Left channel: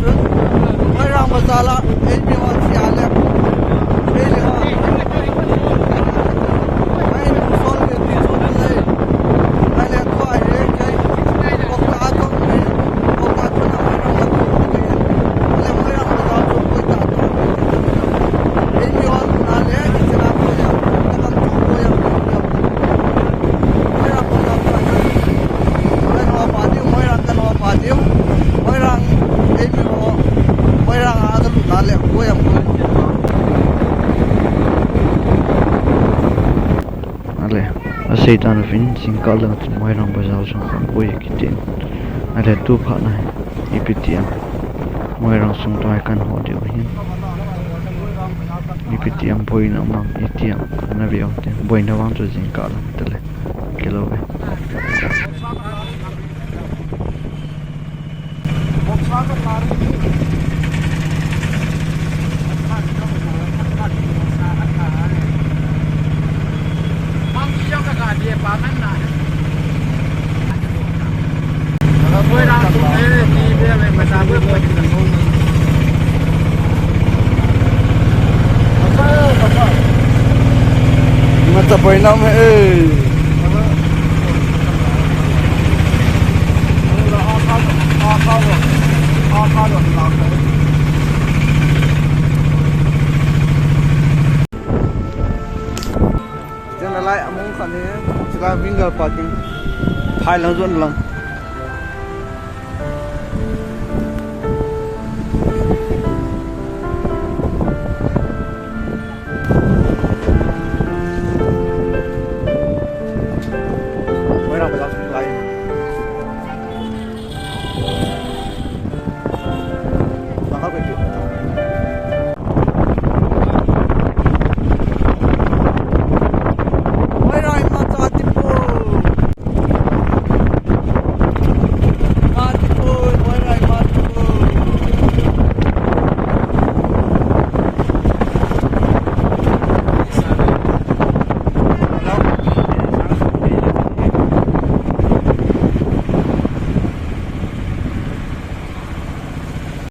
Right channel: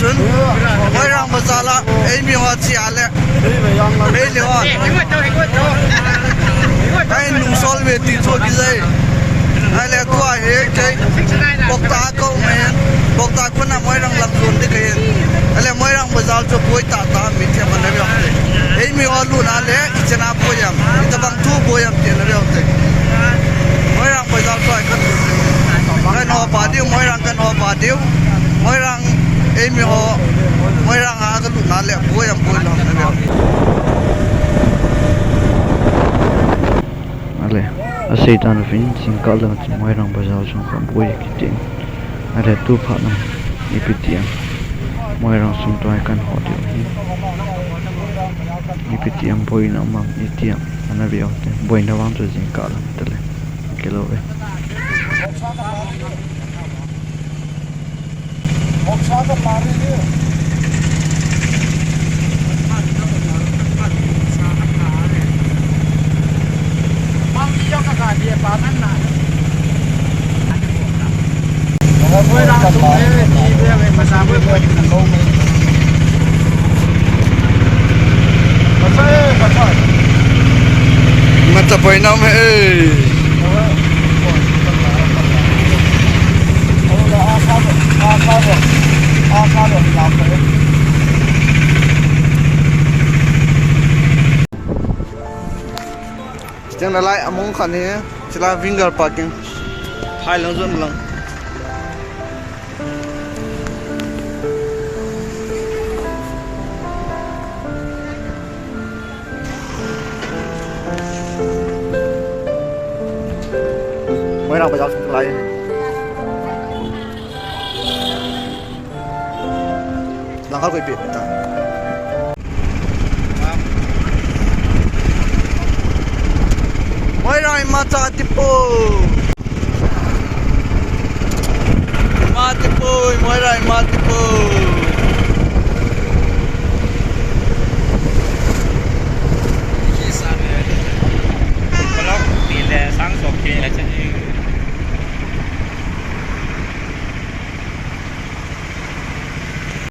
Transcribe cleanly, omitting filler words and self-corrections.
chun moi rang bazala ei mi wa chi ale ei le wa ai nu sol ve ti cho ki zai ai le to ai he kai bokta ko men bokta ko na moi rang lak khun de kai ale moi rang bazal cho koi ta ta mi the man na ei mi wa lu na le chana ko ya ta bang tu ko ya te na le te moi rang bazal ko ai ka cái nó phá điêu mỗi răng cái nó phá điêu mỗi răng em mi họ mỗi răng cái lụt nát lẹ cuối em cuối nó thế nào ale aseitan fin singkalang mỗi răng bây giờ xong không cuối cái tin ale tu phá này ipitiam mỗi răng xong toai kan họ điêu hin ipitiam boi na mang itiam ana biao te boi na wang tu singkalang tele kilo ve Boksa lari ni. Mang dia kakak dia paman na. Kalau boleh langsung ni dia masa boleh buat dengan kau. Pasal. Mata poinam Jangan lalai among kan ni, sila finger parking, hai lang zon lang. Mới nào bây giờ chúng lại. Lang kau kepit.